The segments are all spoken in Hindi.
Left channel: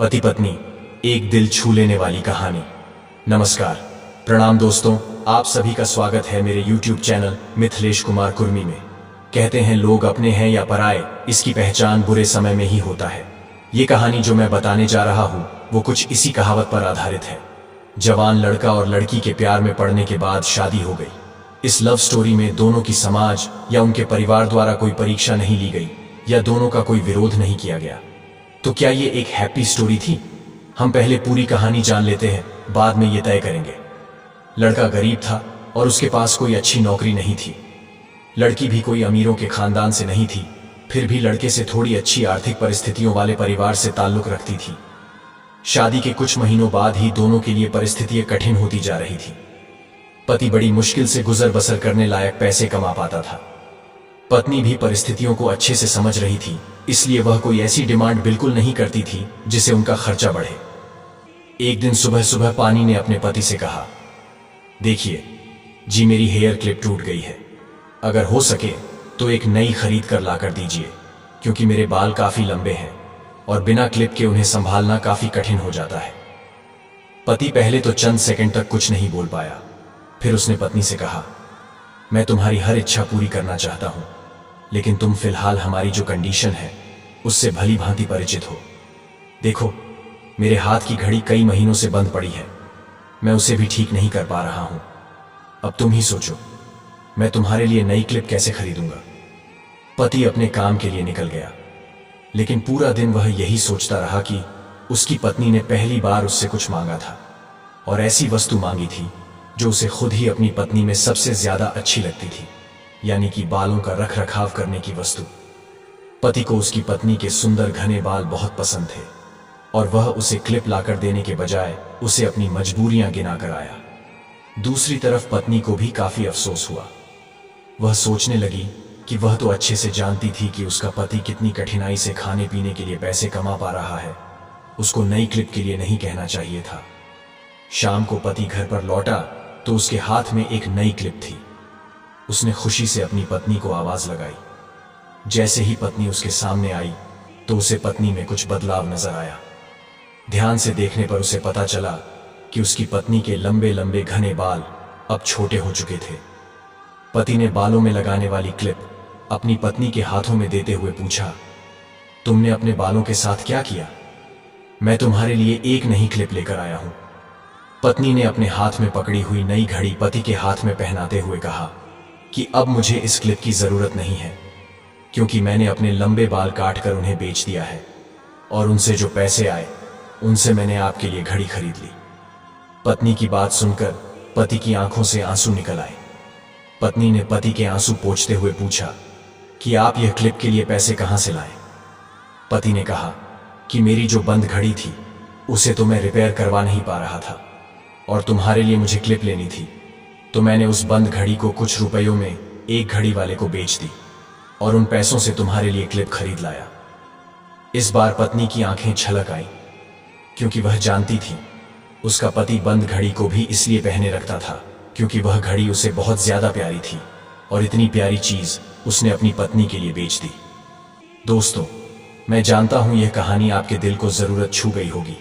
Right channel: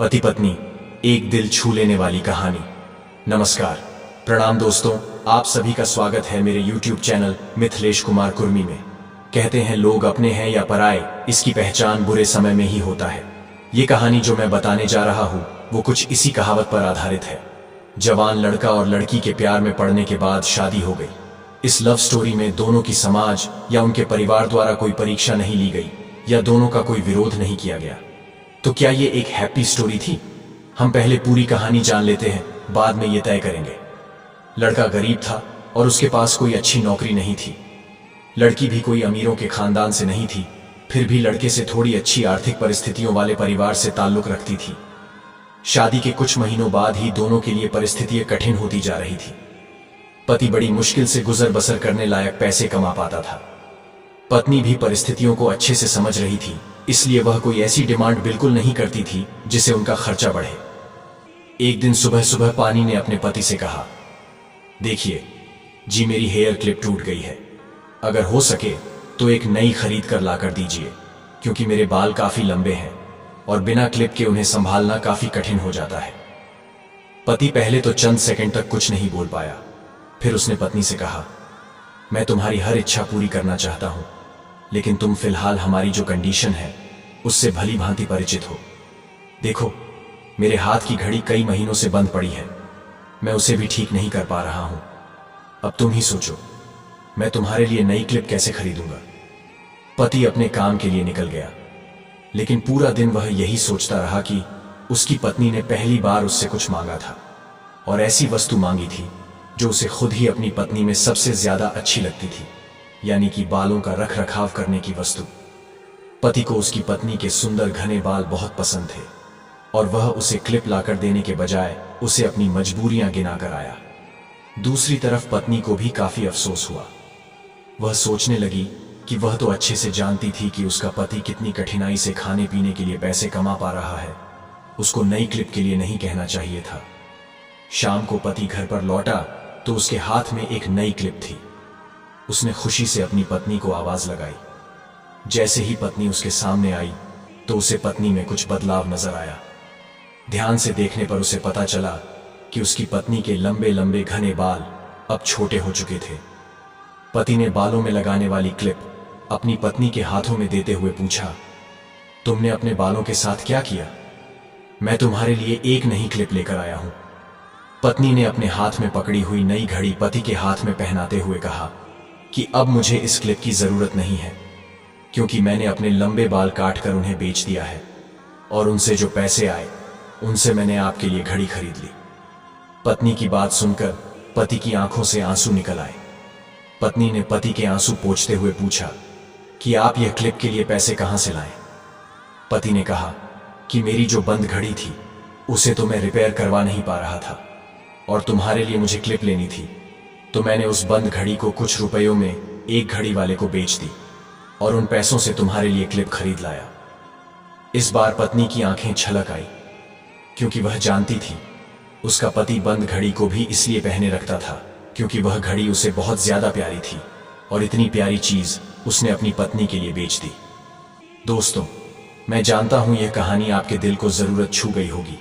पति पत्नी, एक दिल छू लेने वाली कहानी। नमस्कार, प्रणाम दोस्तों, आप सभी का स्वागत है मेरे YouTube चैनल मिथिलेश कुमार कुर्मी में। कहते हैं लोग अपने हैं या पराए, इसकी पहचान बुरे समय में ही होता है। ये कहानी जो मैं बताने जा रहा हूँ वो कुछ इसी कहावत पर आधारित है। जवान लड़का और लड़की के प्यार में पड़ने के बाद शादी हो गई। इस लव स्टोरी में दोनों की समाज या उनके परिवार द्वारा कोई परीक्षा नहीं ली गई या दोनों का कोई विरोध नहीं किया गया। तो क्या ये एक हैप्पी स्टोरी थी? हम पहले पूरी कहानी जान लेते हैं, बाद में ये तय करेंगे। लड़का गरीब था और उसके पास कोई अच्छी नौकरी नहीं थी। लड़की भी कोई अमीरों के खानदान से नहीं थी, फिर भी लड़के से थोड़ी अच्छी आर्थिक परिस्थितियों वाले परिवार से ताल्लुक रखती थी। शादी के कुछ महीनों बाद ही दोनों के लिए परिस्थितियां कठिन होती जा रही थी। पति बड़ी मुश्किल से गुजर बसर करने लायक पैसे कमा पाता था। पत्नी भी परिस्थितियों को अच्छे से समझ रही थी, इसलिए वह कोई ऐसी डिमांड बिल्कुल नहीं करती थी जिससे उनका खर्चा बढ़े। एक दिन सुबह सुबह पानी ने अपने पति से कहा, देखिए जी, मेरी हेयर क्लिप टूट गई है। अगर हो सके तो एक नई खरीद कर ला कर दीजिए, क्योंकि मेरे बाल काफी लंबे हैं और बिना क्लिप के उन्हें संभालना काफी कठिन हो जाता है। पति पहले तो चंद सेकंड तक कुछ नहीं बोल पाया। फिर उसने पत्नी से कहा, मैं तुम्हारी हर इच्छा पूरी करना चाहता हूं, लेकिन तुम फिलहाल हमारी जो कंडीशन है उससे भली भांति परिचित हो। देखो, मेरे हाथ की घड़ी कई महीनों से बंद पड़ी है, मैं उसे भी ठीक नहीं कर पा रहा हूं। अब तुम ही सोचो, मैं तुम्हारे लिए नई क्लिप कैसे खरीदूंगा। पति अपने काम के लिए निकल गया, लेकिन पूरा दिन वह यही सोचता रहा कि उसकी पत्नी ने पहली बार उससे कुछ मांगा था और ऐसी वस्तु मांगी थी जो उसे खुद ही अपनी पत्नी में सबसे ज्यादा अच्छी लगती थी, यानी कि बालों का रख रखाव करने की वस्तु। पति को उसकी पत्नी के सुंदर घने बाल बहुत पसंद थे और वह उसे क्लिप लाकर देने के बजाय उसे अपनी मजबूरियां गिनाकर आया। दूसरी तरफ पत्नी को भी काफी अफसोस हुआ। वह सोचने लगी कि वह तो अच्छे से जानती थी कि उसका पति कितनी कठिनाई से खाने पीने के लिए पैसे कमा पा रहा है। उसको नई क्लिप के लिए नहीं कहना चाहिए था। शाम को पति घर पर लौटा तो उसके हाथ में एक नई क्लिप थी। उसने खुशी से अपनी पत्नी को आवाज लगाई। जैसे ही पत्नी उसके सामने आई तो उसे पत्नी में कुछ बदलाव नजर आया। ध्यान से देखने पर उसे पता चला कि उसकी पत्नी के लंबे लंबे घने बाल अब छोटे हो चुके थे। पति ने बालों में लगाने वाली क्लिप अपनी पत्नी के हाथों में देते हुए पूछा, तुमने अपने बालों के साथ क्या किया? मैं तुम्हारे लिए एक नई क्लिप लेकर आया हूं। पत्नी ने अपने हाथ में पकड़ी हुई नई घड़ी पति के हाथ में पहनाते हुए कहा कि अब मुझे इस क्लिप की जरूरत नहीं है, क्योंकि मैंने अपने लंबे बाल काटकर उन्हें बेच दिया है और उनसे जो पैसे आए उनसे मैंने आपके लिए घड़ी खरीद ली। पत्नी की बात सुनकर पति की आंखों से आंसू निकल आए। पत्नी ने पति के आंसू पोंछते हुए पूछा कि आप यह क्लिप के लिए पैसे कहां से लाए? पति ने कहा कि मेरी जो बंद घड़ी थी उसे तो मैं रिपेयर करवा नहीं पा रहा था और तुम्हारे लिए मुझे क्लिप लेनी थी, तो मैंने उस बंद घड़ी को कुछ रुपयों में एक घड़ी वाले को बेच दी और उन पैसों से तुम्हारे लिए क्लिप खरीद लाया। इस बार पत्नी की आंखें छलक आई, क्योंकि वह जानती थी उसका पति बंद घड़ी को भी इसलिए पहने रखता था क्योंकि वह घड़ी उसे बहुत ज्यादा प्यारी थी और इतनी प्यारी चीज उसने अपनी पत्नी के लिए बेच दी। दोस्तों, मैं जानता हूं यह कहानी आपके दिल को जरूरत छू गई होगी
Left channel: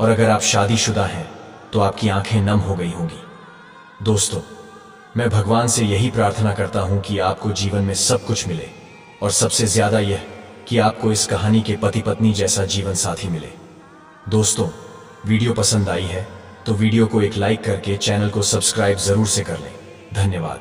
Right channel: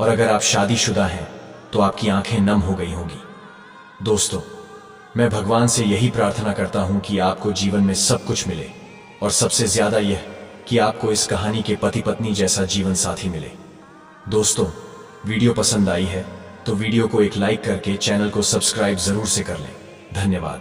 और अगर आप शादीशुदा हैं तो आपकी आंखें नम हो गई होंगी। दोस्तों, मैं भगवान से यही प्रार्थना करता हूं कि आपको जीवन में सब कुछ मिले और सबसे ज्यादा यह कि आपको इस कहानी के पति पत्नी जैसा जीवन साथी मिले। दोस्तों, वीडियो पसंद आई है तो वीडियो को एक लाइक करके चैनल को सब्सक्राइब जरूर से कर लें। धन्यवाद।